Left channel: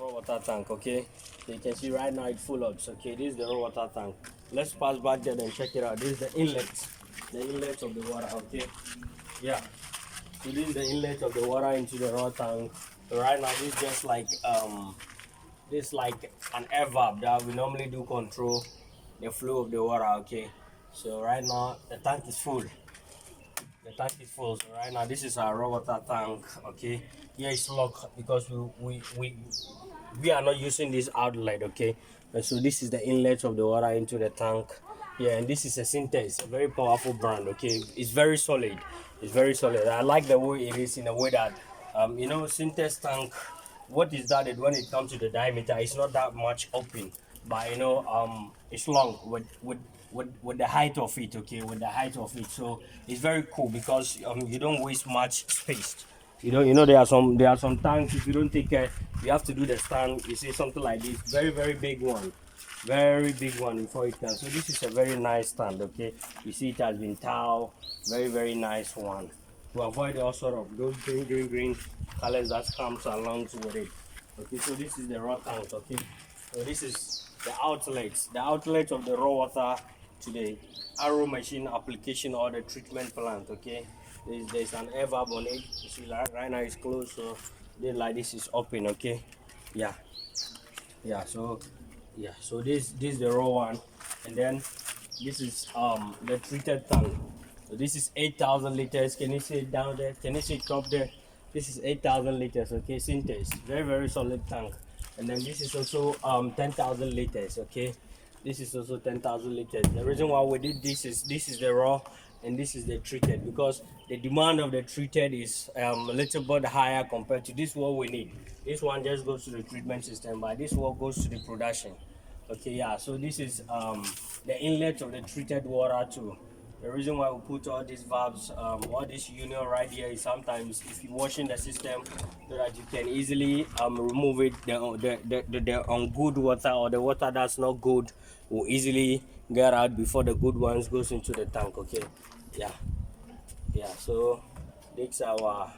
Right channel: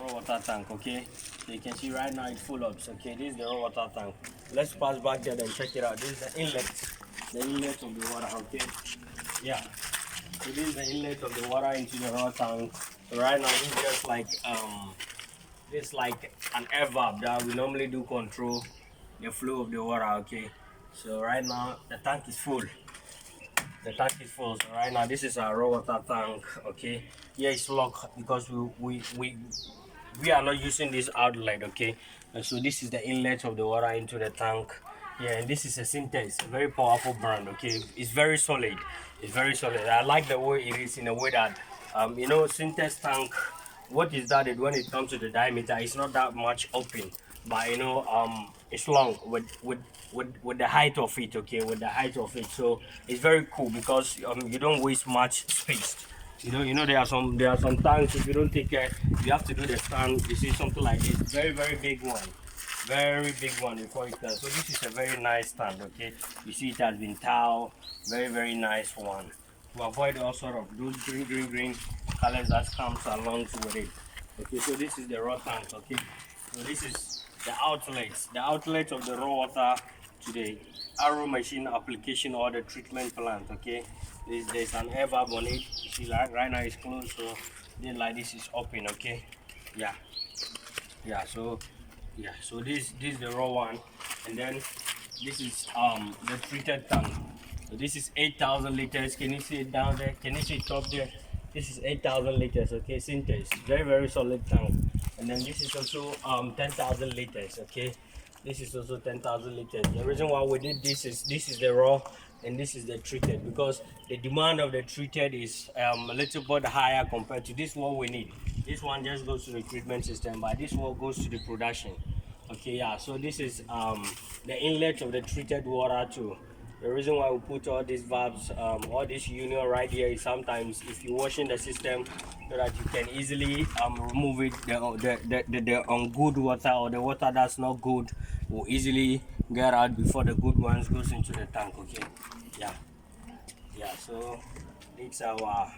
Raw water tank, okay? So you can see right now it's full up. Okay, this is the raw water tank. Let's pass back there and check it out. This is the inlet of the water, okay? Yeah. So this is the inlet of the water into the raw tank. So right now this is just like this is like an air valve that we normally do control the flow of the water, okay? So right now the tank is full. The tank is full. So right now this is our raw water tank, okay? Here it's locked because we are not using this outlet, okay? So this is the inlet of the water into the tank. Yeah, and this is a Syntex, a very powerful brand, okay? It's very solid. It's very solid. I like the way it is in a way that you know, Syntex tank, what is that when it comes to the diameter, it's not that much open, but you know, it's long with the height of it, okay, with the height of it. So it's very cool because you don't waste much space. You know there are some tanks, if you don't take care, you have to do the stand. You see something like this, very big one, very big one before it can. So this is a very nice stand, okay? You see it has been tiled, very nice one, to avoid all sort of those green colors that comes along with it. Okay, so this is the raw tank, okay? So this is the outlet of the raw water to the arrow machine application or the treatment plant, okay? There's an air valve on it. You see right now it's closed, so then like this is open, okay? Yeah, so this is the raw one, and then this is the treated tank. So this is 8,000 liters. Can you see it down there? Can you see it up there? This is 8,000 liters, okay? Synthesis, very solid tank. And then this is also 10,000 liters, okay? This is also 10,000 liters. The reason why we did this is the raw and this is the treated, because the demand of the treated is a little bit higher compared to this what we need. This one just goes to the treatment system, but this one goes to the production. Okay, yeah, so this is the inlet of the treated water too. The reason why we put all these valves, all this union right here is sometimes if you're washing the system, so that you can easily remove it, the good water or the water that's not good will easily get out before the good ones goes into the tank, okay? Yeah, so it's our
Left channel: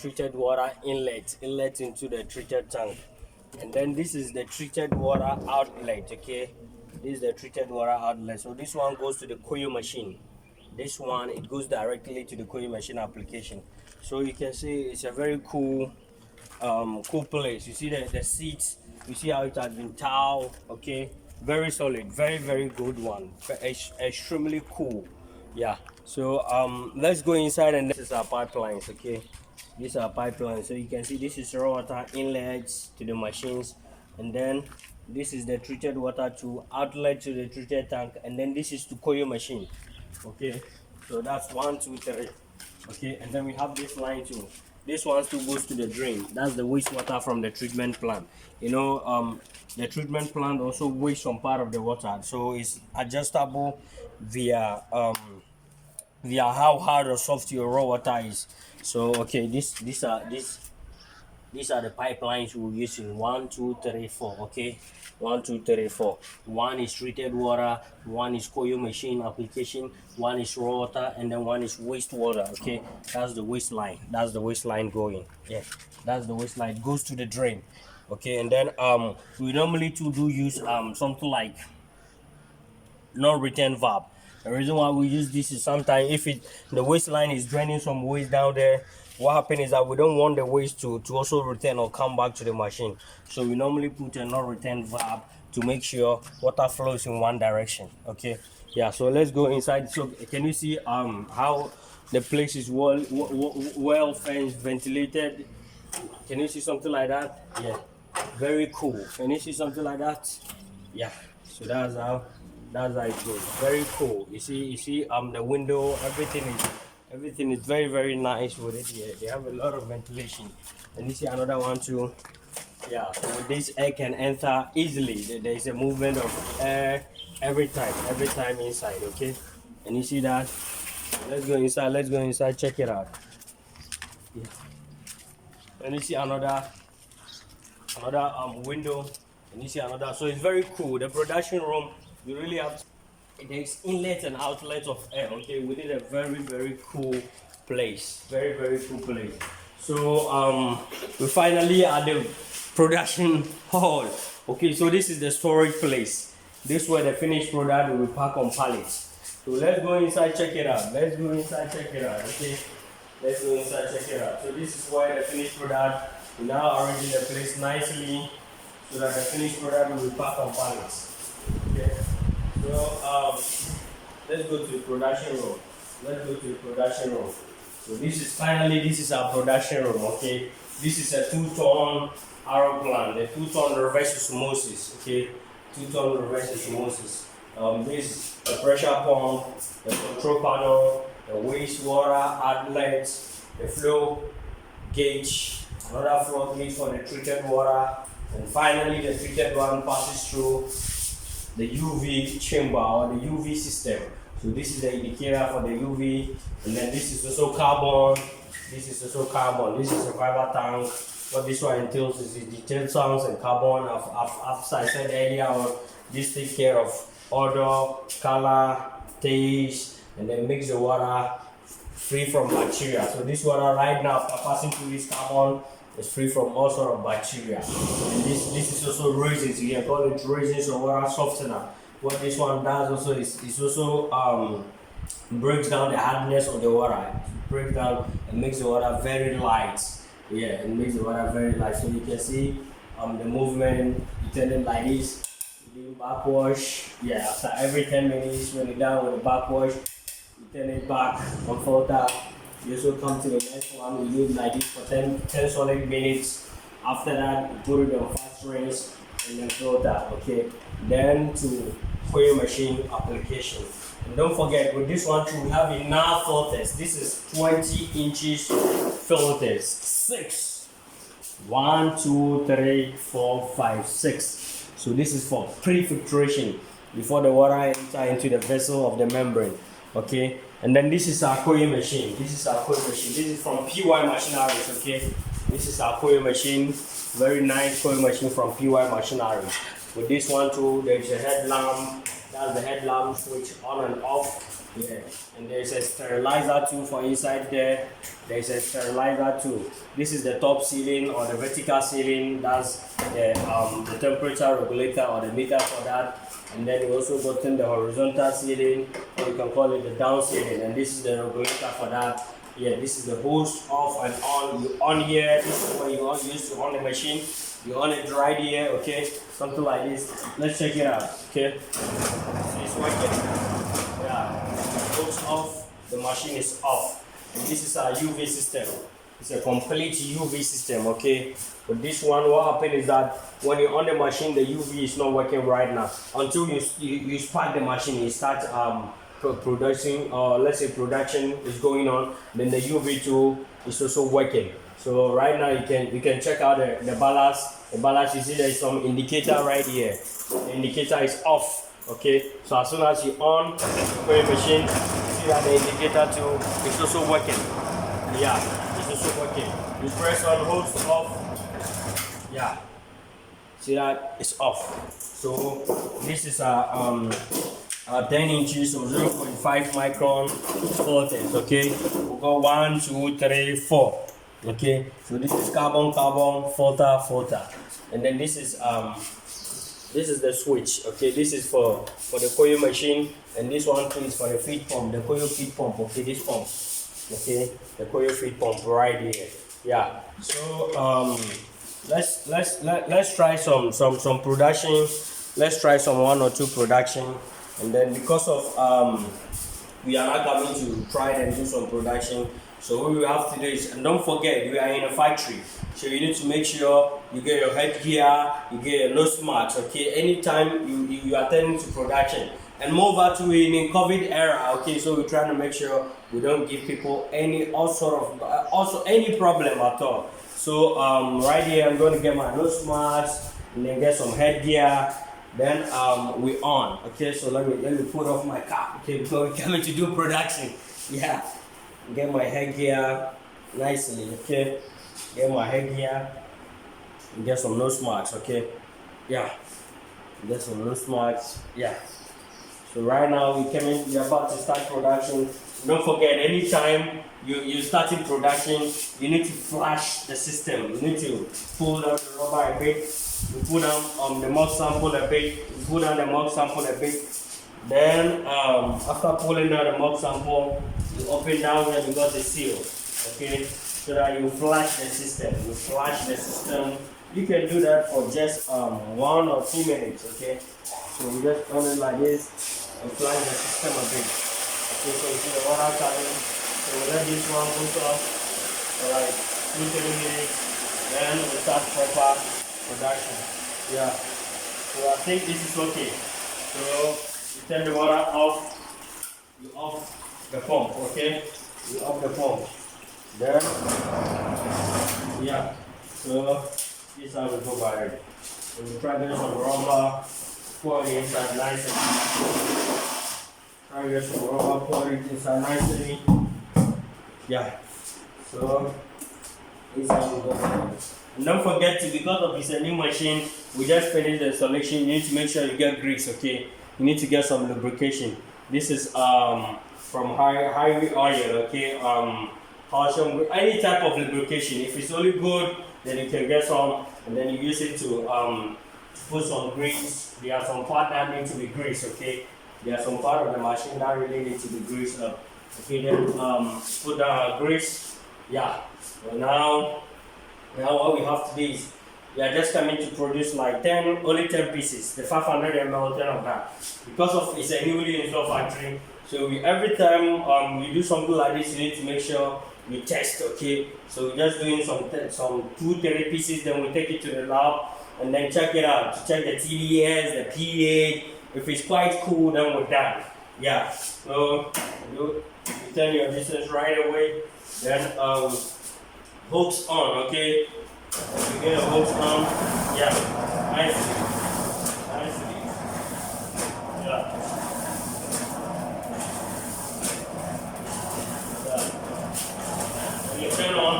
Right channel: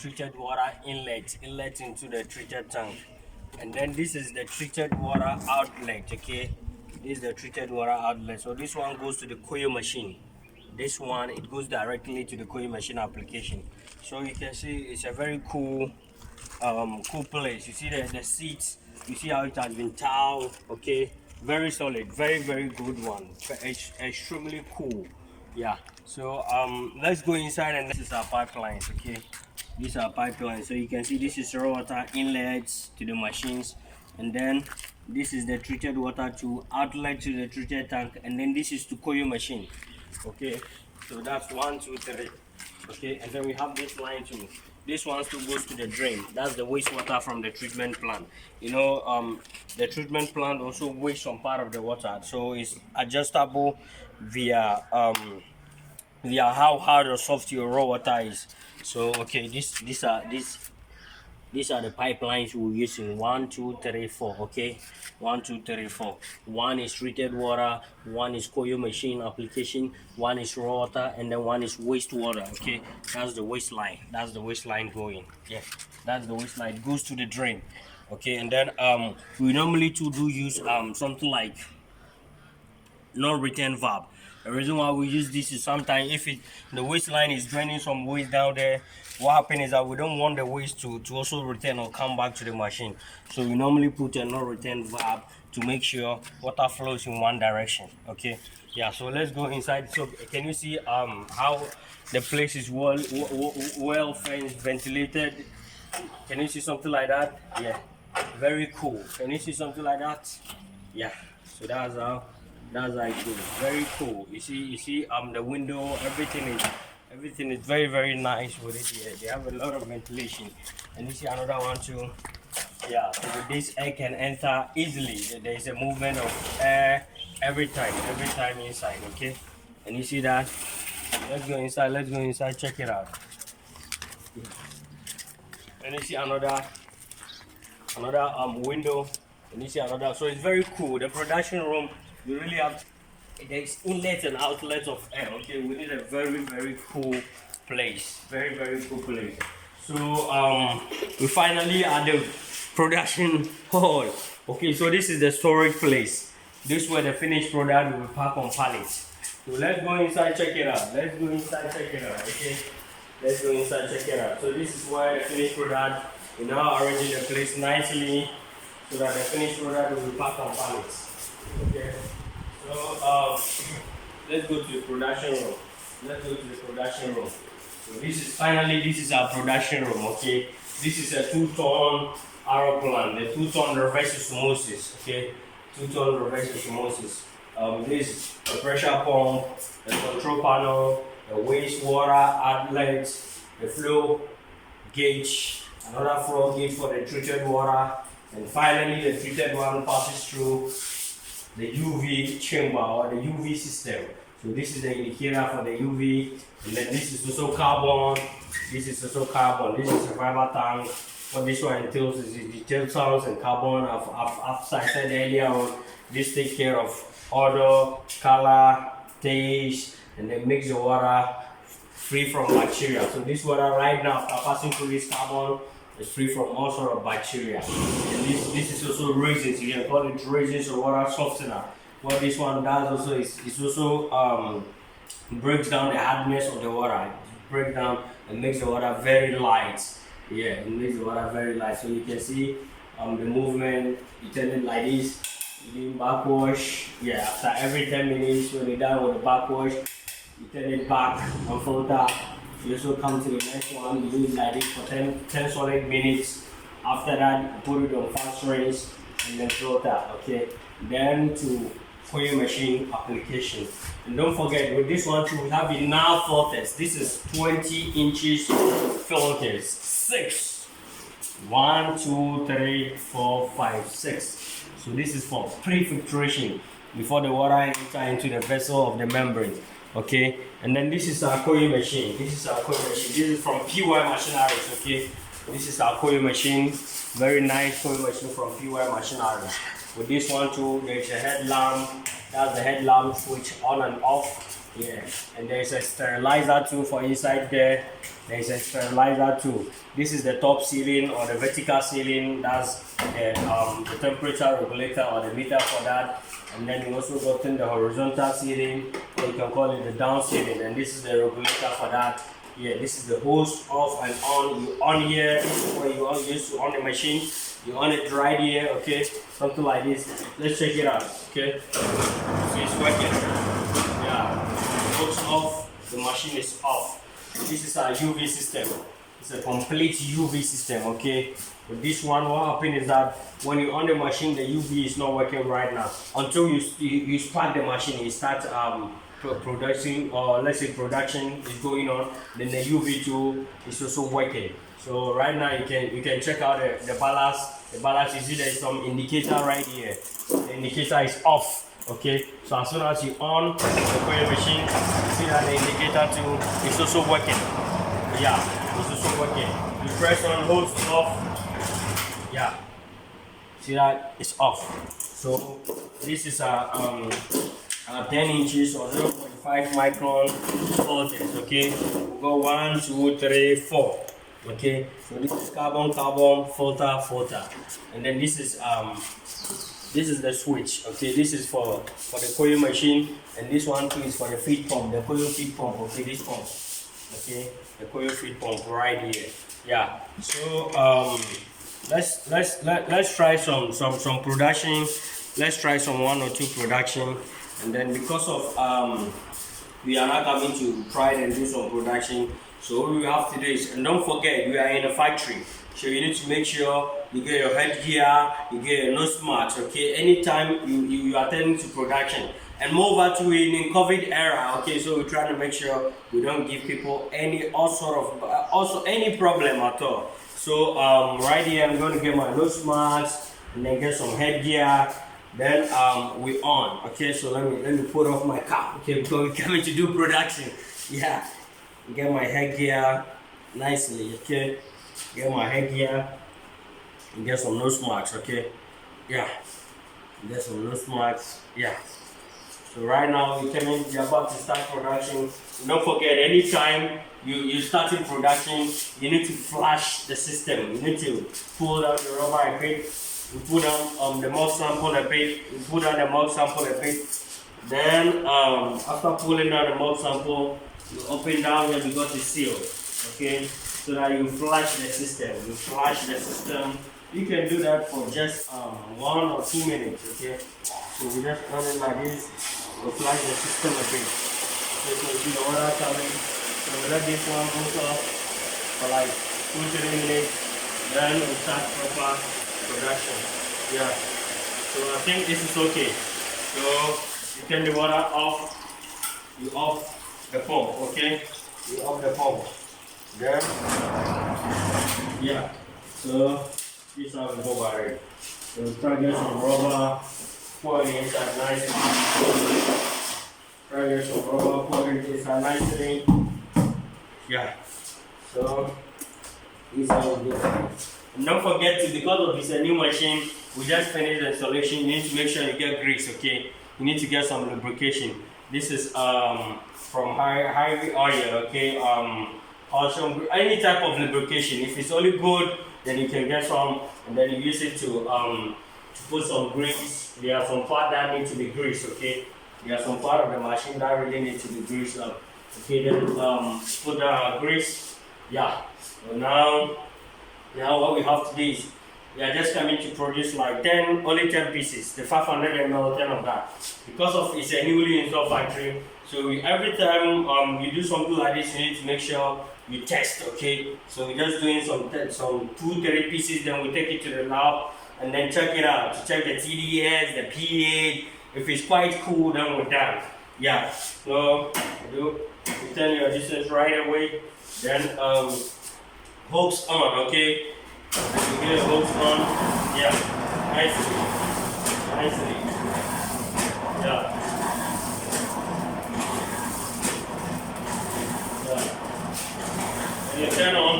treated water inlet into the treated tank. And then this is the treated water outlet, okay? This is the treated water outlet. So this one goes to the coil machine. This one, it goes directly to the coil machine application. So you can see it's a very cool cool place. You see the seats, you see how it has been tiled, okay? Very solid, very good one. Extremely cool. Yeah, so let's go inside, and this is our pipelines, okay? These are pipelines. So you can see this is raw water inlets to the machines, and then this is the treated water to outlet to the treated tank, and then this is to coil machine, okay? So that's 1 2 3, okay? And then we have this line too. This one still goes to the drain. That's the wastewater from the treatment plant. You know, the treatment plant also wastes some part of the water, so it's adjustable via how hard or soft your raw water is. So okay, these are the pipelines we're using. 1 2 3 4, okay? 1 2 3 4. One is treated water, one is coil machine application, one is raw water, and then one is wastewater, okay? That's the waistline going. Yeah, that's the waistline. It goes to the drain, okay? And then we normally do use something like non-return valve. The reason why we use this is sometimes if the waistline is draining some waste down there, what happens is that we don't want the waste to also return or come back to the machine. So we normally put a non-return valve to make sure water flows in one direction, okay? Yeah, so let's go inside. So can you see how the place is well fenced, ventilated? Can you see something like that? Yeah, very cool. Can you see something like that? Yeah, so that's how it goes. Very cool. You see the window, everything is very nice with it here. They have a lot of ventilation. And you see another one too. Yeah, so with this air can enter easily. There is a movement of air every time inside, okay? And you see that? Let's go inside, check it out. Yeah. And you see another window, and you see another. So it's very cool. The production room, you really have to, there's inlet and outlet of air, okay? We need a very cool place, very cool place. So we finally at the production hall. Okay, so this is the storage place. This is where the finished product will be packed on pallets. So let's go inside, check it out. Let's go inside, check it out. Okay, let's go inside, check it out. So this is where the finished product. We now arranging the place nicely so that the finished product will be packed on pallets. Okay. So let's go to the production room. Let's go to the production room. So this is our production room. Okay. This is a 2-ton aeroplan, the 2-ton reverse osmosis. Okay. 2-ton reverse osmosis. This is the pressure pump, the control panel, the wastewater outlet, the flow gauge, another flow gauge for the treated water, and finally the treated one passes through the UV chamber or the UV system. So this is the indicator for the UV, and then this is also carbon. This is also carbon. This is a fiber tank. What this one entails is the detailed sounds and carbon. As I said earlier on, this takes care of odor, color, taste, and then makes the water free from bacteria. So this water right now, after passing through this carbon, is free from all sort of bacteria. And this is also raisins. You can call it raisins or water softener. What this one does also is also breaks down the hardness of the water. It breaks down and makes the water very light. Yeah, it makes the water very light. So you can see the movement. You turn it like this. You do backwash. Yeah, after every 10 minutes, when you're done with the backwash, you turn it back and filter. You also come to the next one. You do it like this for 10 solid minutes. After that, you put it on fast rinse and then filter. Okay. Then to coil machine application. And don't forget, with this one too, we have enough filters. This is 20 inches filters. 6. 1, 2, 3, 4, 5, 6. So this is for pre-filtration before the water enter into the vessel of the membrane. Okay, and then this is our coil machine. This is from PY Machineries. Okay, this is our coil machine. Very nice coil machine from PY Machineries. With this one too, there is a headlamp. That's the headlamp switch on and off. Yeah, and there is a sterilizer too for inside there. There is a sterilizer too. This is the top ceiling or the vertical ceiling. That's the temperature regulator or the meter for that. And then you also got in the horizontal ceiling, or you can call it the down ceiling. And this is the regulator for that. Yeah, this is the hose off and on. You on here. This is where you used to on the machine. You on it right here. Okay, something like this. Let's check it out. Okay, so it's working. Yeah, the hose off. The machine is off. And this is our UV system. It's a complete UV system. Okay. But this one, what happened is that when you're on the machine, the UV is not working right now. Until you start the machine, you start producing, or let's say production is going on, then the UV tool is also working. So right now you can check out the ballast. The ballast, you see there is some indicator right here. The indicator is off. Okay. So as soon as you on the coil machine, you see that the indicator tool is also working. Yeah, it's also working. You press on, hold off. Yeah, see that it's off. So this is a 10 inches or 0.5 micron filters. Okay, we got 1, 2, 3, 4. Okay, so this is carbon filter, and then this is the switch. Okay, this is for the coil machine, and this one too is for the feed pump, the coil feed pump. Okay, this pump. Okay, the coil feed pump right here. Yeah, so let's try some production. Let's try some 1 or 2 production, and then because of we are not coming to try and do some production. So what we have today is, and don't forget, we are in a factory, so you need to make sure you get your headgear, you get your nose mask. Okay, anytime you are attending to production. And moreover to in COVID era, okay, so we're trying to make sure we don't give people any any problem at all. So right here I'm going to get my nose mask and then get some headgear. Then we on. Okay, so let me put off my cap. Okay, because we're coming to do production. Yeah, get my headgear nicely. Okay, get my headgear and get some nose marks. Okay, yeah, get some nose marks. Yeah. So right now we're about to start production. Don't forget, anytime you starting production, you need to flash the system. You need to pull out the rubber a bit, you put down the mud sample a bit, you put down the mud sample a bit. Then after pulling down the mud sample, you open down here because the seal, okay? So that you flash the system. You flash the system. You can do that for just 1 or 2 minutes, okay? So we just run it like this. We flash the system a bit. Okay, so you see the water coming. So we let this one go off for like 2-3 minutes. Then we start proper production. Yeah. So I think this is okay. So you turn the water off. You off the pump, okay? You off the pump. Then, yeah. So this is how we go about it. So we try to get some rubber, pour it inside nicely. Try to get some rubber, pour it inside nicely. Yeah. So this is how we go about it. And don't forget to, because of it's a new machine, we just finished the installation. You need to make sure you get grease, okay? You need to get some lubrication. This is from highway oil, okay? Also, any type of lubrication. If it's only good, then you can get some, and then you use it to put some grease. There are some parts that need to be greased, okay? There are some part of the machine that really need to be greased up. Okay, then put the grease. Yeah. So now what we have to do is we are just coming to produce like only 10 pieces, the 500 ml, 10 of that. Because of it's a newly installed factory, so every time you do something like this, you need to make sure you test, okay? So we're just doing some 2-3 pieces, then we take it to the lab and then check it out to check the TDS, the pH. If it's quite cool, then we're done. Yeah. So you turn your distance right away, then hooks on, okay? You get a hose on, yeah, nicely, yeah. When you turn on,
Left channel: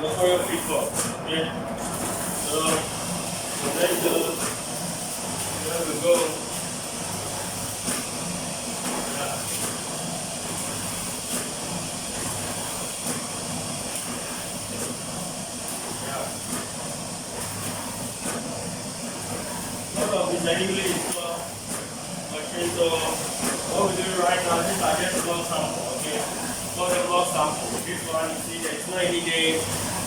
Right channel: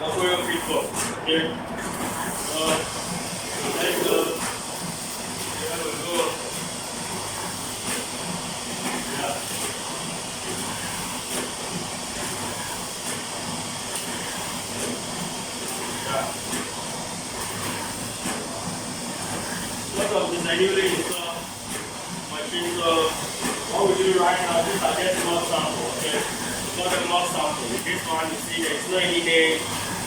go for your feet first, okay? So let it go, here we go, yeah. This is a newly installed machine, so what we do right now, these are just block sample, okay? For the block sample, this one you see there's no any name,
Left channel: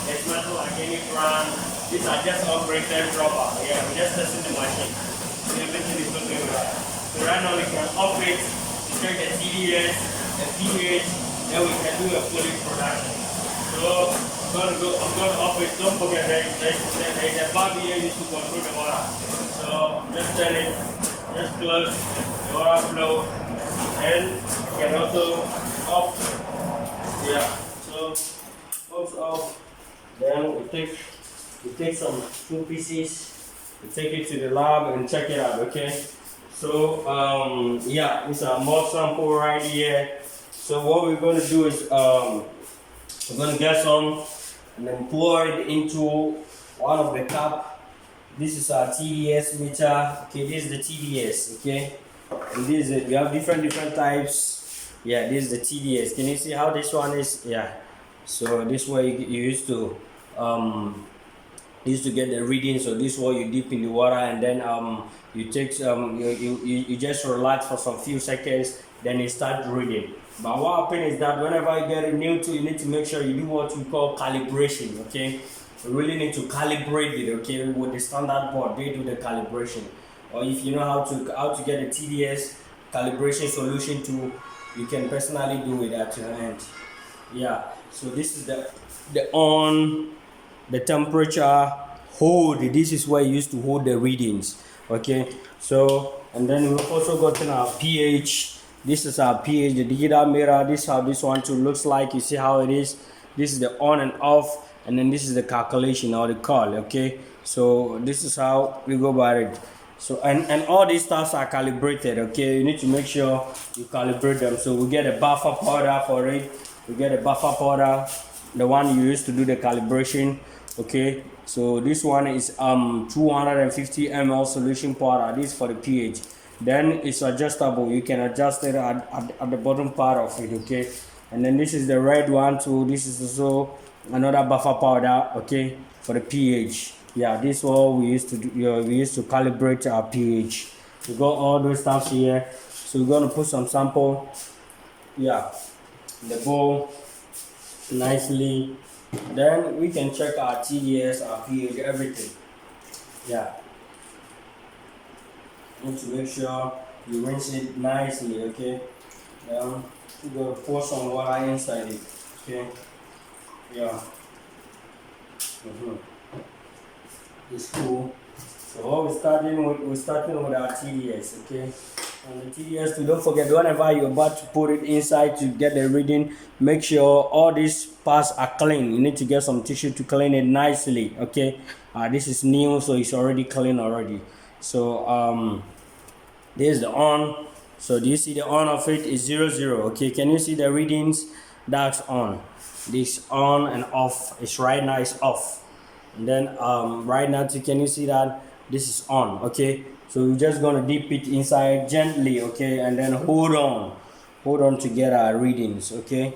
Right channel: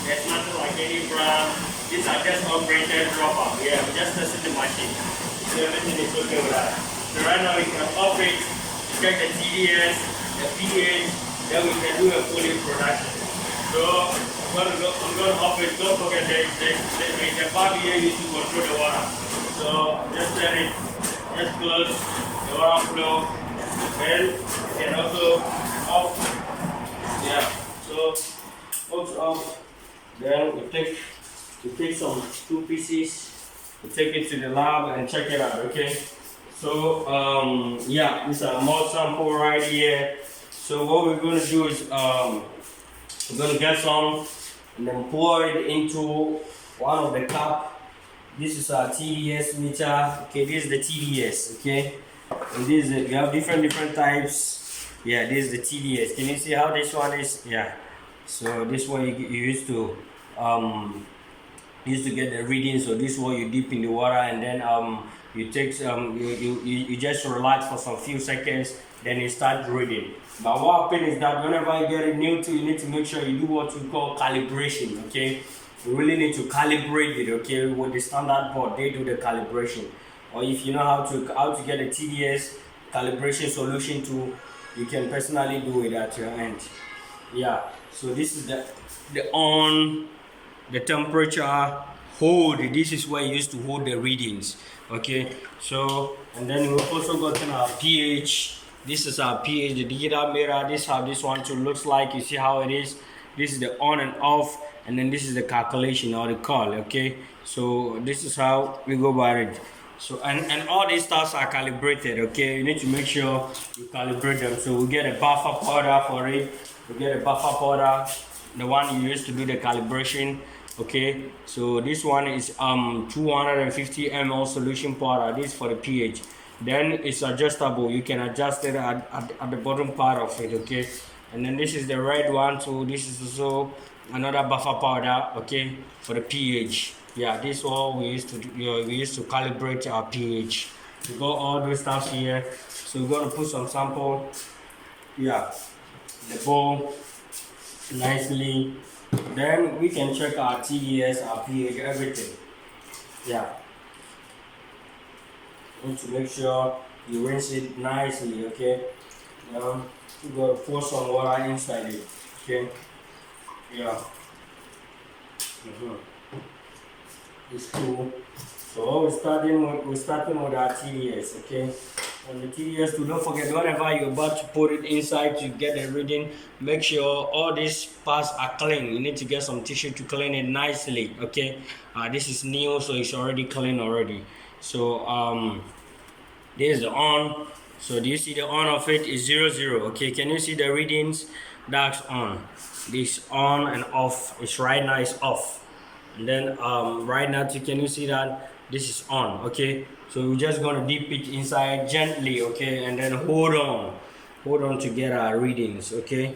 there's nothing like any brand. These are just operated rubber. Yeah, we just tested the machine. So everything is okay with that. So right now we can off it, check the TDS, the pH, then we can do a fully production. So I'm gonna off it. Don't forget there's a valve here used to control the water. So just turn it, just close the water flow, and you can also off. Yeah. So hooks off. Then we take some 2 pieces, we take it to the lab and check it out. Okay. So yeah, it's a mud sample right here. So what we're gonna do is we're gonna get some and then pour it into one of the cup. This is our Tds meter. Okay, this is the Tds. Okay, and this is you have different types. Yeah, this is the Tds. Can you see how this one is? Yeah. So this way you used to get the reading. So this way you dip in the water and then you take you just relax for some few seconds, then you start reading. But what happens is that whenever you get a new tool, you need to make sure you do what we call calibration. Okay, you really need to calibrate it. Okay, with the standard board they do the calibration. Or if you know how to get a TDS calibration solution tool, you can personally do it at your end. Yeah. So this is the temperature hold. This is where you used to hold the readings. Okay. So and then we've also gotten our pH. This is our pH, the digital meter. This is how this one too looks like. You see how it is. This is the on and off, and then this is the calculation or the call. Okay. So this is how we go about it. So and all these stuffs are calibrated. Okay. You need to make sure you calibrate them. So we get a buffer powder for it. We get a buffer powder, the one you use to do the calibration. Okay, so this one is 250 ml solution powder. This is for the pH. then it's adjustable. You can adjust it at the bottom part of it, okay. And then this is the red one too. This is also another buffer powder, okay, for the pH. Yeah, this is all we used to do. We used to calibrate our pH. We got all those stuff here, so we're gonna put some sample, yeah, in the bowl nicely. Then we can check our TDS, our pH, everything. Yeah, need to make sure you rinse it nicely, okay. Now we're gonna pour some water inside it, okay. Yeah. It's cool. So what we're starting with our TDS, okay. And the TDS too, don't forget, whenever you're about to put it inside to get the reading, make sure all these parts are clean. You need to get some tissue to clean it nicely, okay. This is new, so it's already clean already. So there's the on. So do you see the on of it is 00, okay. Can you see the readings? That's on. This on and off. It's right now it's off. And then right now too, can you see that this is on, okay. So we're just gonna dip it inside gently, okay, and then hold on to get our readings, okay.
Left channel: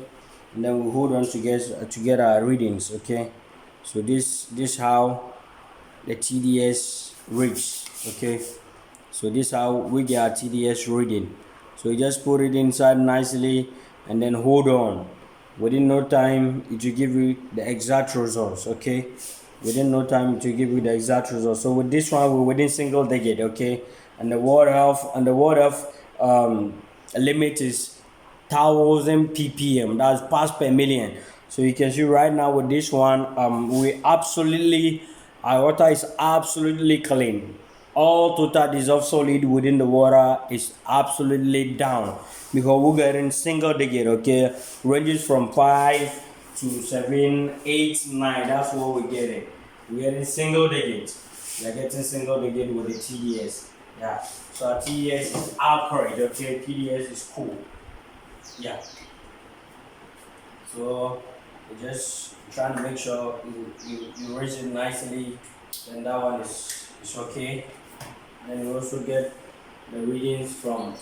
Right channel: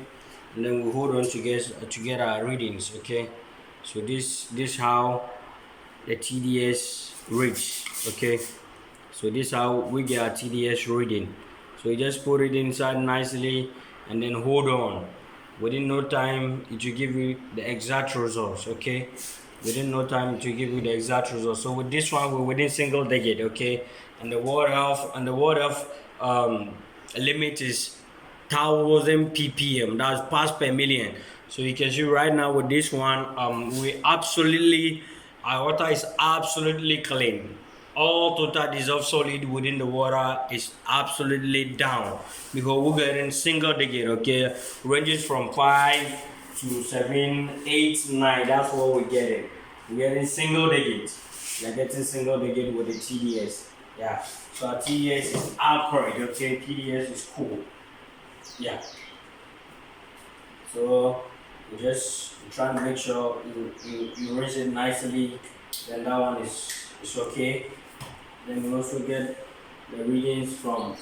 And then we hold on to get our readings, okay. So this how the TDS reads, okay. So this is how we get our TDS reading. So you just put it inside nicely and then hold on. Within no time it will give you the exact results, okay. Within no time to give you the exact results. So with this one, we're within single digit, okay. And the water health limit is 1000 ppm. That's parts per million. So you can see right now with this one, our water is absolutely clean. All total dissolved solid within the water is absolutely down, because we're getting single digit, okay. Ranges from 5 to 7, 8, 9. That's what we're getting. We're getting single digit. We're getting single digit with the TDS. Yeah. So our TDS is accurate, okay. TDS is cool. Yeah. So we just trying to make sure you raise it nicely. Then that one is okay. Then we also get the readings from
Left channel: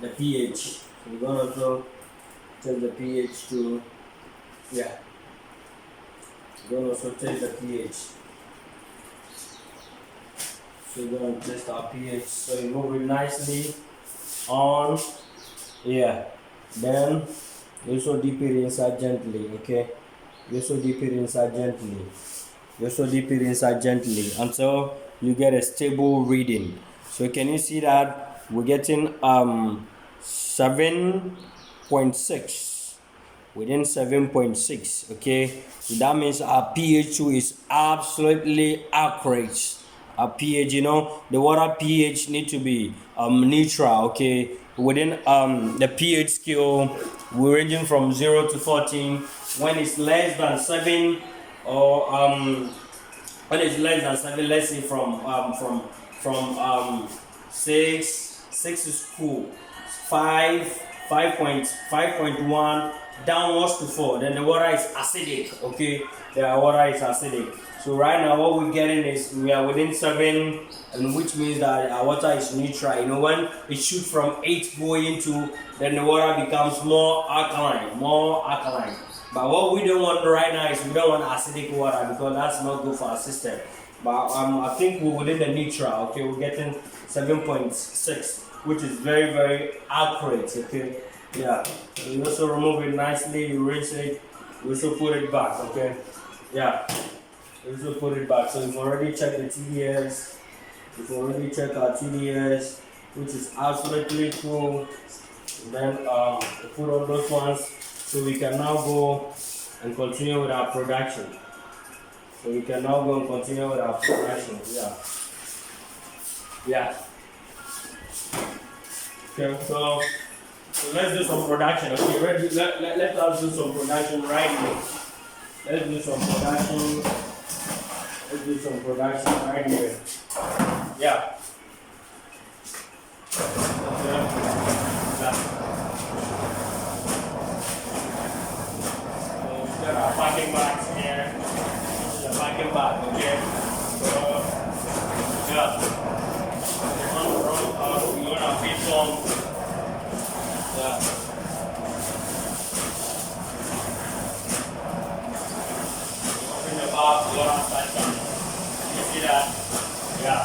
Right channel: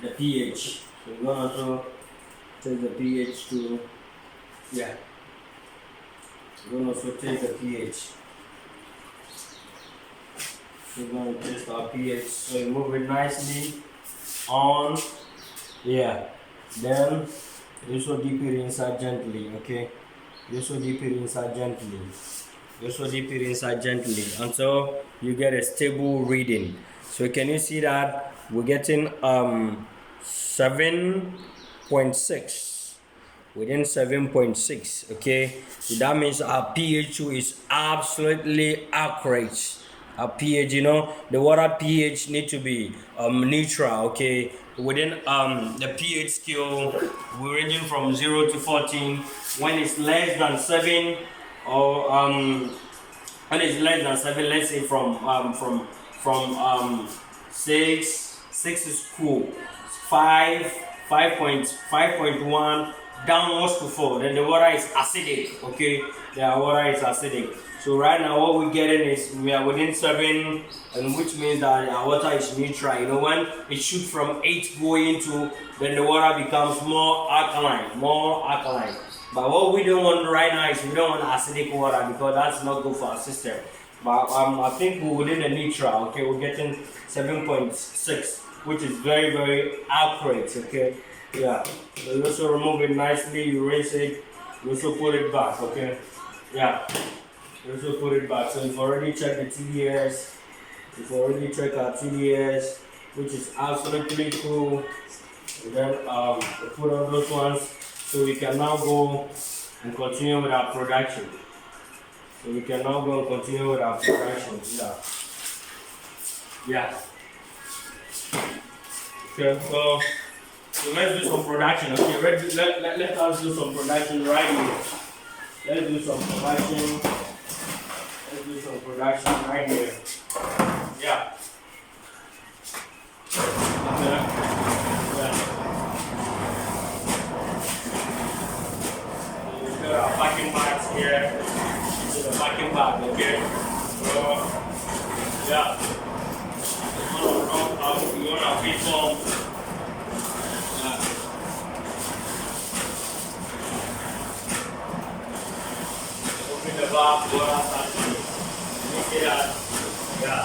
the pH. So we're gonna also take the pH to, yeah. We're gonna also take the pH. So we're gonna test our pH. So you move it nicely on, yeah. Then you also dip it inside gently, okay. You also dip it inside gently. You also dip it inside gently until you get a stable reading. So can you see that we're getting 7.6 within 7.6, okay. So that means our pH2 is absolutely accurate. Our pH, you know, the water pH need to be neutral, okay. Within the pH scale, we're ranging from 0 to 14. When it's less than 7, or when it's less than 7, let's say from 6 is cool, 5.1 downwards to 4, then the water is acidic, okay. The water is acidic. So right now what we're getting is we are within 7, and which means that our water is neutral. You know, when it shoots from 8 going to, then the water becomes more alkaline. But what we don't want right now is we don't want acidic water, because that's not good for our system. But I think we're within the neutral, okay. We're getting 7.6, which is very, very accurate, okay. Yeah. You also remove it nicely, you rinse it, you also put it back, okay. Yeah. You also put it back. So you've already checked the TDS. You've already checked our TDS, which is absolutely cool. And then we put on those ones. So we can now go and continue with our production. Yeah. Yeah. Okay, so let's do some production. Okay, let us do some production right here. Let's do some production right here. Yeah. Okay. Yeah. Got our packing bags here. This is a packing bag, okay? So, yeah. you want our feed form. Yeah. Open the valve, water starts coming. You see that? Yeah.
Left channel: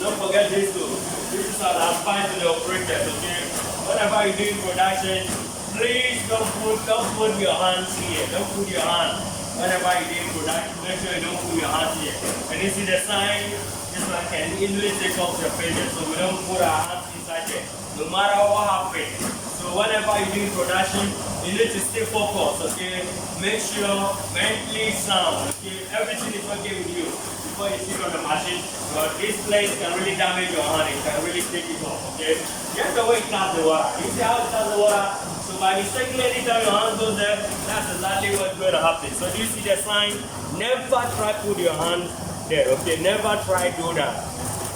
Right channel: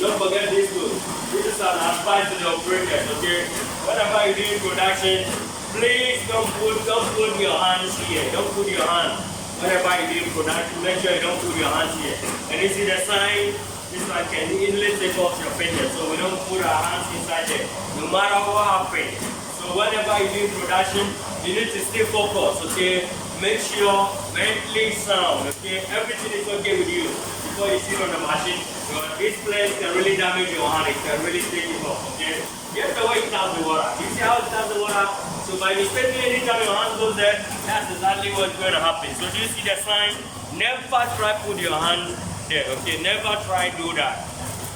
Don't forget this too. This is an advice to the operators, okay? Whenever you're doing production, please don't put your hands here. Don't put your hand. Whenever you're doing production, make sure you don't put your hands here. And you see the sign, this one can easily take off your fingers. So we don't put our hands inside there, no matter what happens. So whenever you're doing production, you need to stay focused, okay? Make sure mentally sound, okay? Everything is okay with you before you sit on the machine. Because this place can really damage your hand, it can really take it off, okay? Just the way it taps the water. You see how it taps the water? So by mistake, anytime your hand goes there, that's exactly what's going to happen. So do you see the sign? Never try put your hand there, okay? Never try do that.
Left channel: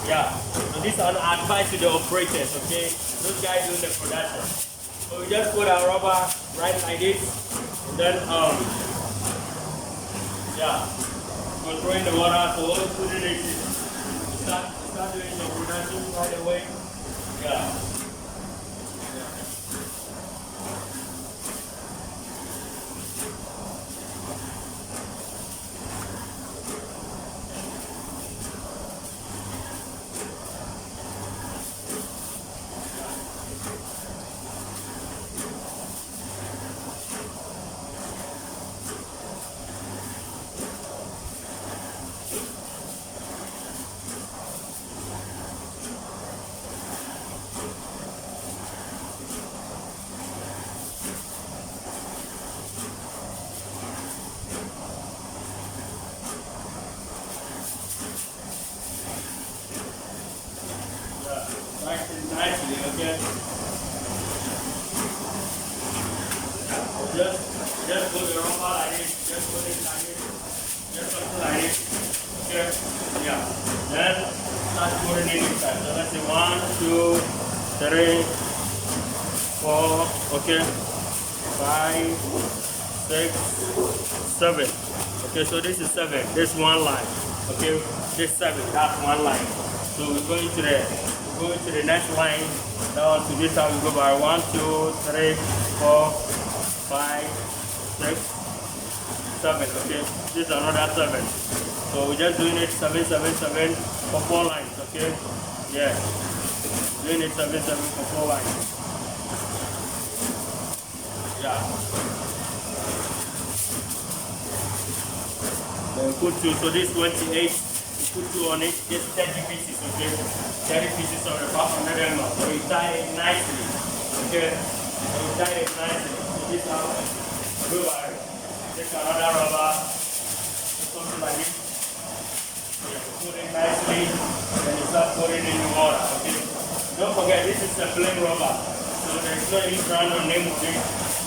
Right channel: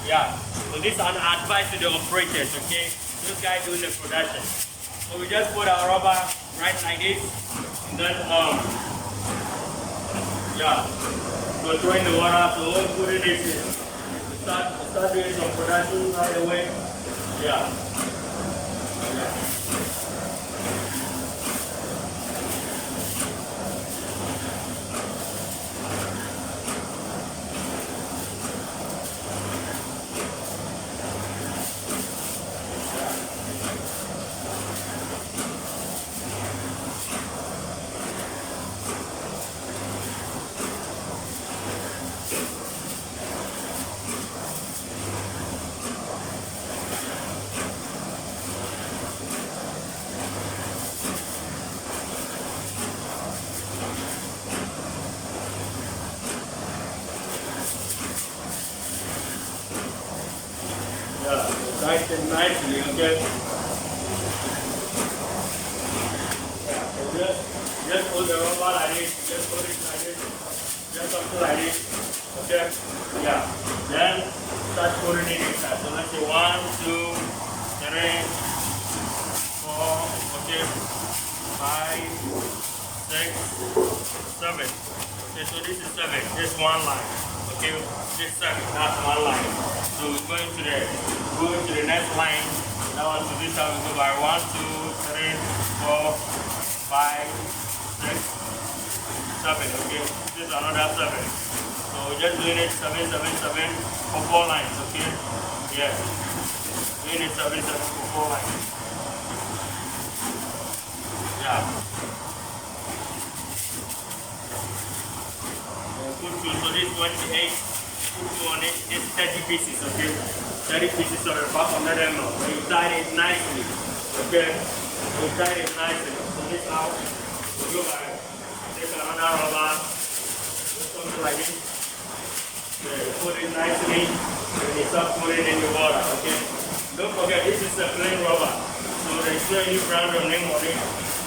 Yeah. So this is an advice to the operators, okay? Those guys doing the production. So we just put our rubber right like this, and then yeah, controlling the water. So we'll put it in this. Start doing some production right away. Yeah. Nice and nicely, okay? Yeah, so just put the rubber like this, just put it like this, just something like this, okay? Yeah, then start putting it inside. So let's say 1, 2, 3, 4, okay, 5, 6, 7. Okay, so this is 7, this one line, okay? This 7, that's one line. So we're going to the next line. Now to this time we go by 1, 2, 3, 4, 5, 6, 7. Okay, this is another 7. So we're just doing it 7, 7, 7 for 4 lines. Okay, yeah, doing it 7, 7 for 4 lines. Yeah. So put 2. So this 28. Put 2 on it. This 30 pieces. Okay. 30 pieces of your back under them now. So you tie it nicely. Okay? You tie it nicely. So this now, go back. Take another rubber. Something like this. Yeah, you put it nicely. Then you start putting it in the water. Okay? Don't forget, this is a plain rubber. So there's no any brand or name on it.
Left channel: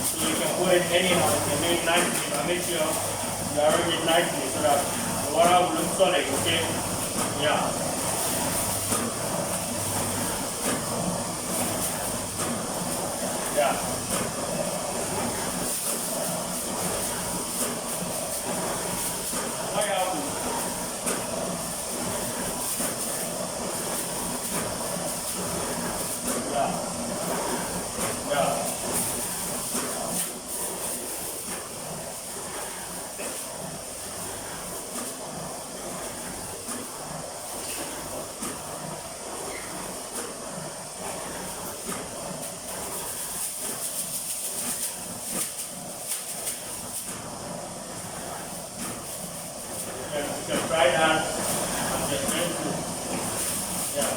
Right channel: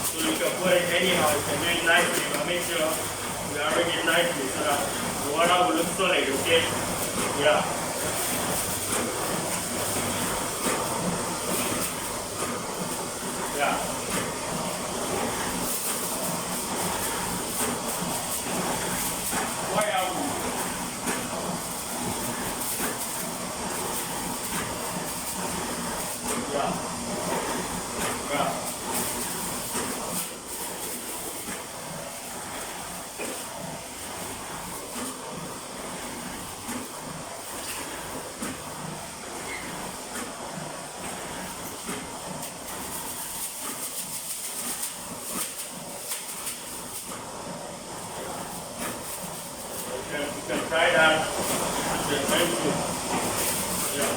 So you can put it anyhow. You can do it nicely. But make sure you arrange it nicely so that the water will look solid. Okay? Yeah. Yeah. You can try that at the end too. Yeah.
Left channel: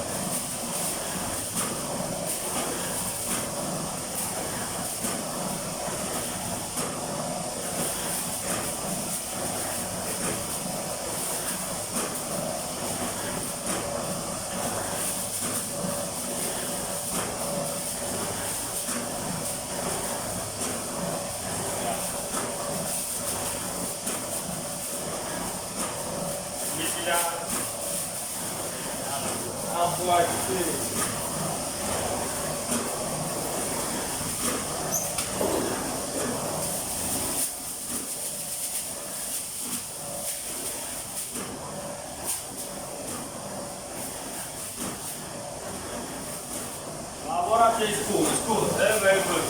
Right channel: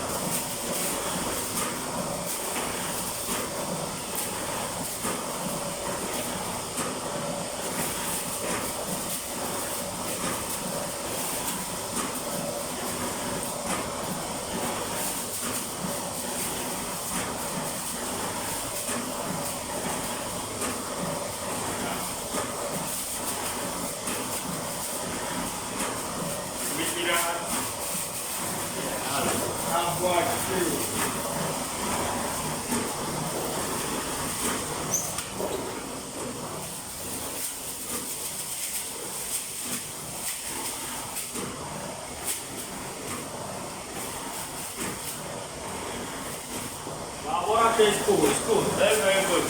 water is cool. It's cool. Very, very good.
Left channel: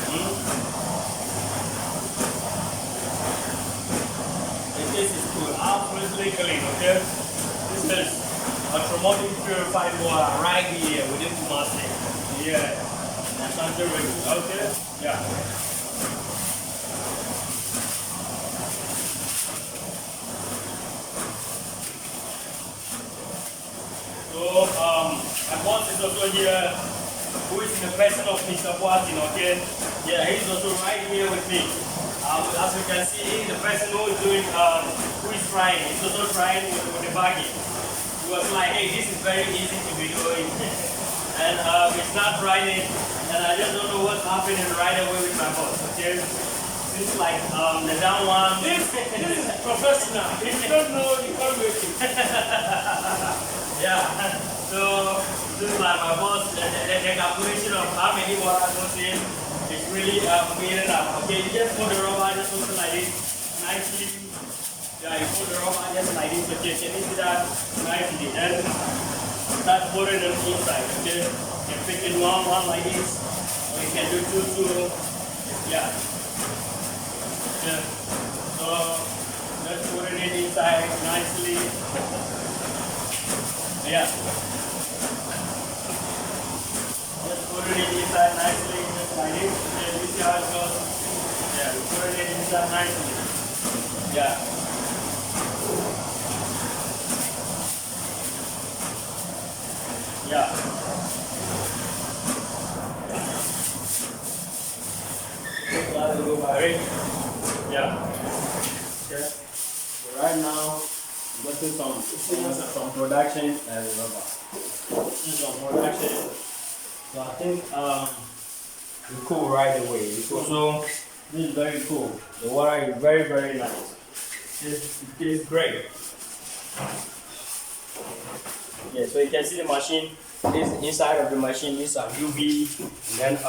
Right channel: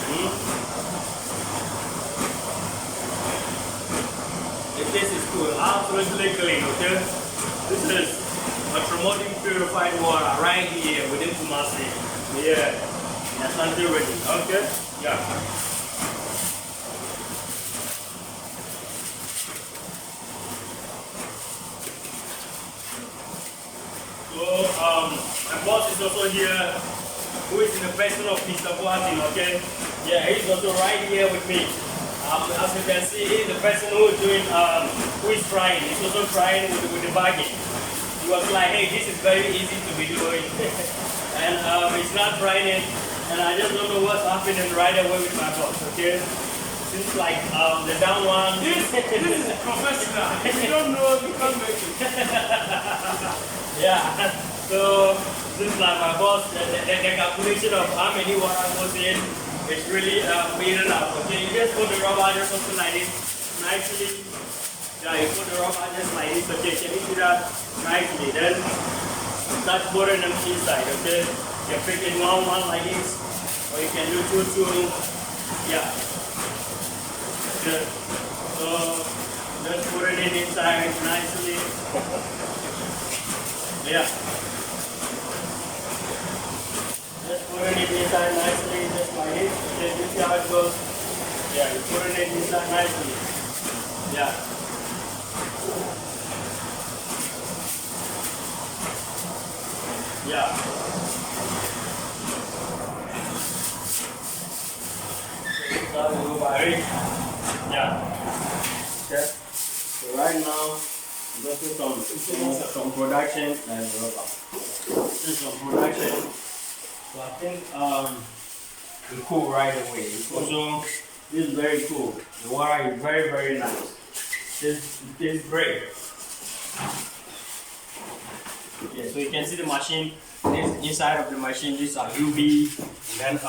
This is cool. Absolutely clean. Okay. This is automatic purified water right here within Kumasi. Yeah. That's until ready. Okay. Yeah. So my boss is also here, who is in the person of Mr. Boatin, okay? Yeah, he's also right here with me. As you can see, he's the person who is doing, who is trying. He's also trying with the bagging. He was like, hey, this is very easy to be doing. And he's not trying it. And I just don't know what's happening right away with my boss, okay? Seems like the down one. This is professional. If you don't know, you can't make it. Yeah. So this is like my boss. The calculation of how many water goes in is really made up. Okay, you just put the rubber just something like this nicely. Yeah, you put the rubber just like this. Okay, can you see that nicely? Then start putting them inside. Okay, you can pick it one like this, or you can do two. Yeah. Okay. So just put it inside nicely. Yeah. Just put it inside nicely, just like this. Okay, you see how it goes? Yeah, you put it inside nicely. Yeah. Yeah. Yeah. Okay. So right now, I'm getting some production and rubber. Some production. So I think it's cool right away. It's also this is very cool. The water is very, very nice. This is great. Yeah, so you can see the machine. This inside of the machine, these are UV, and then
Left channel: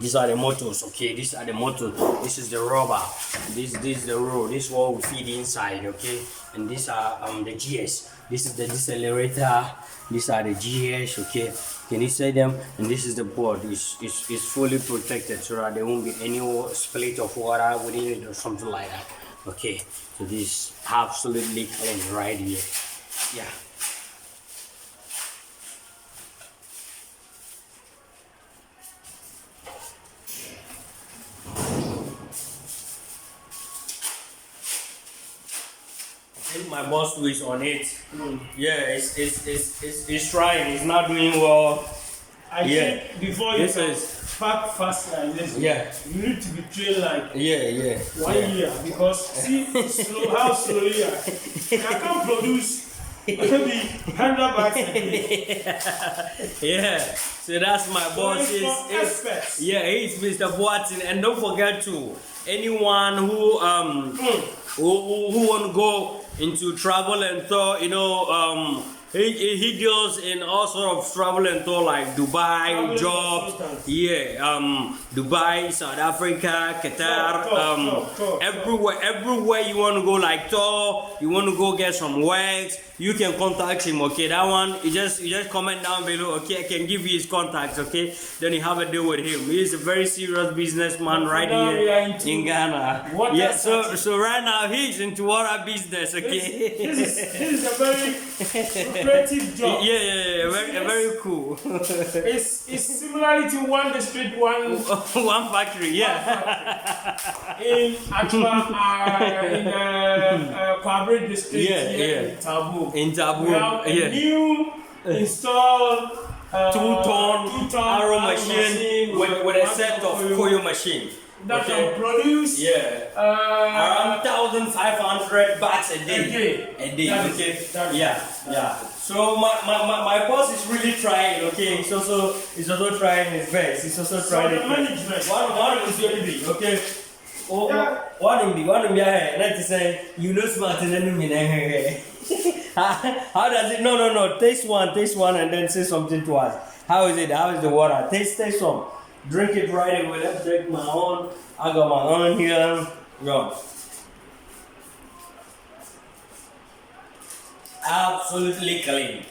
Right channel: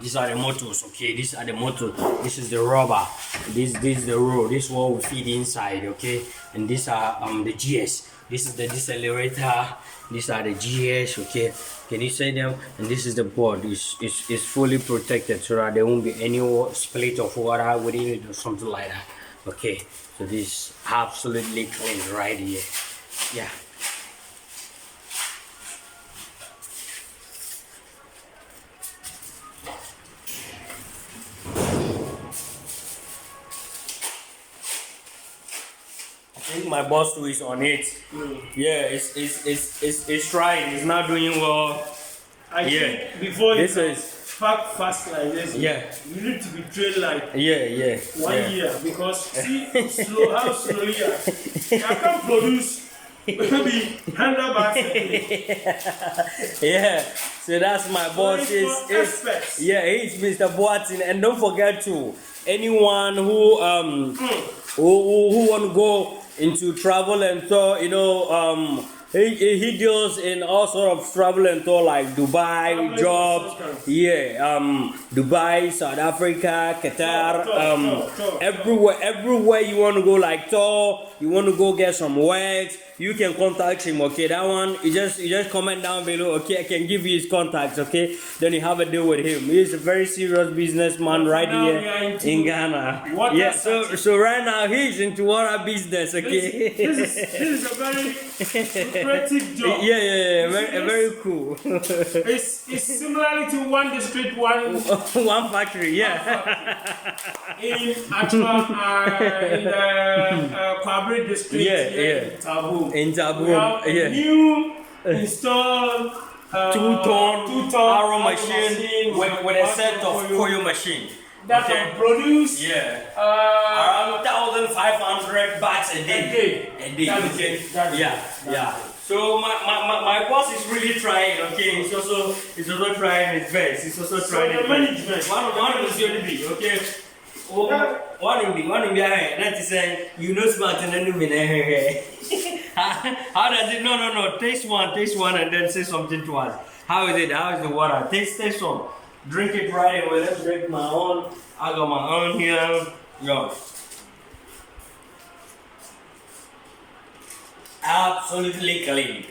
these are the motors. Okay, these are the motors. This is the rubber. This is the roll. This is what we feed inside. Okay, and these are the GS. This is the decelerator. These are the GS. Okay, can you see them? And this is the board. It's fully protected so that there won't be any split of water within it or something like that. Okay, so this is absolutely clean right here. Yeah. I think my boss too is on it. Yeah, it's trying. It's not doing well. I think before you pack fast like this, yeah, you need to be trained like 1 year because see how slowly I can't produce maybe 100 bags a day. Yeah, so that's my boss. He's Mr. Boatin, and don't forget to anyone who want to go into travel and tour, you know, he deals in all sort of travel and tour like Dubai, jobs, Dubai, South Africa, Qatar, everywhere you want to go like tour, you want to go get some work, you can contact him. Okay, that one you just comment down below. Okay, I can give you his contacts. Okay, then you have a deal with him. He's a very serious businessman right here in Ghana. Yeah, so right now he's into water business. Okay, this is a very lucrative job. Yeah, very cool. It's similar to one district, one factory. Yeah. In Achua, in Kwabri district, in Tabu. In Tabu, we have a new installed 2-ton arrow machine with a set of coil machine that can produce around 1,500 bags a day. So my boss is really trying. Okay, he's also trying his best. He's also trying his best. One is going to be okay. One will be. That is saying you know smart and then how does it? No. Taste one, and then say something to us. How is it? How is the water? Taste some. Drink it right away. Let's drink my own. I got my own here. Yo. Absolutely clean.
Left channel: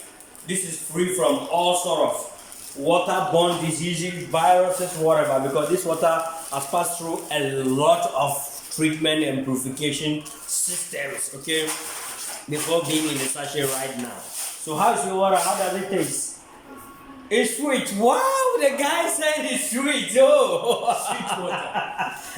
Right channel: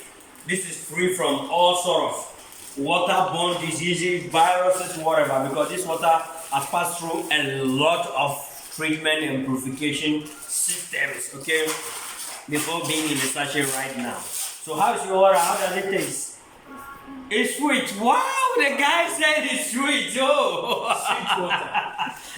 This is free from all sort of waterborne diseases, viruses, whatever, because this water has passed through a lot of treatment and purification systems, okay, before being in the sachet right now. So how's your water? How does it taste? It's sweet. Wow, the guy said it's sweet. Oh, Sweet water.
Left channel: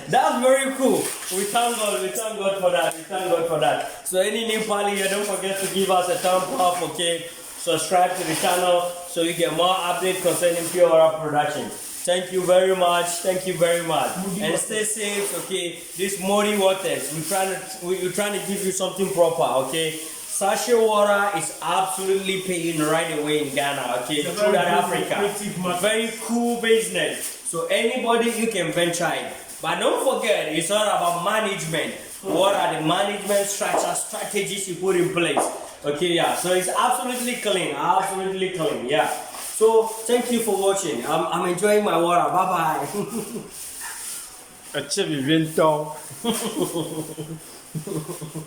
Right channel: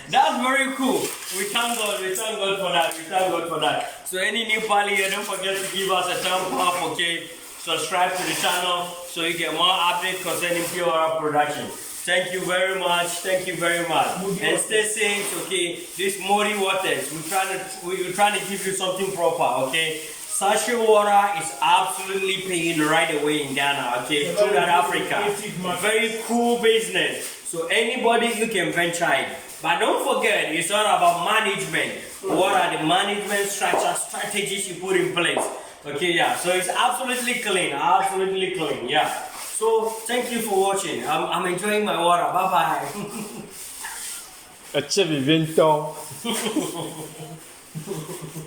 that's very cool. We thank God. We thank God for that. We thank God for that. So any new pally here, don't forget to give us a thumb up, okay? Subscribe to the channel so you get more updates concerning pure water production. Thank you very much. Thank you very much. Moudi and stay safe, okay? This Moudi waters, we're trying to give you something proper, okay? Sachet water is absolutely paying right away in Ghana, okay? It's a Throughout very Africa. lucrative market. Very cool business. So anybody you can venture in. But don't forget, it's all about management. What are the management strategies you put in place? Okay, yeah. So it's absolutely clean. Absolutely clean, yeah. So thank you for watching. I'm enjoying my water. Bye bye.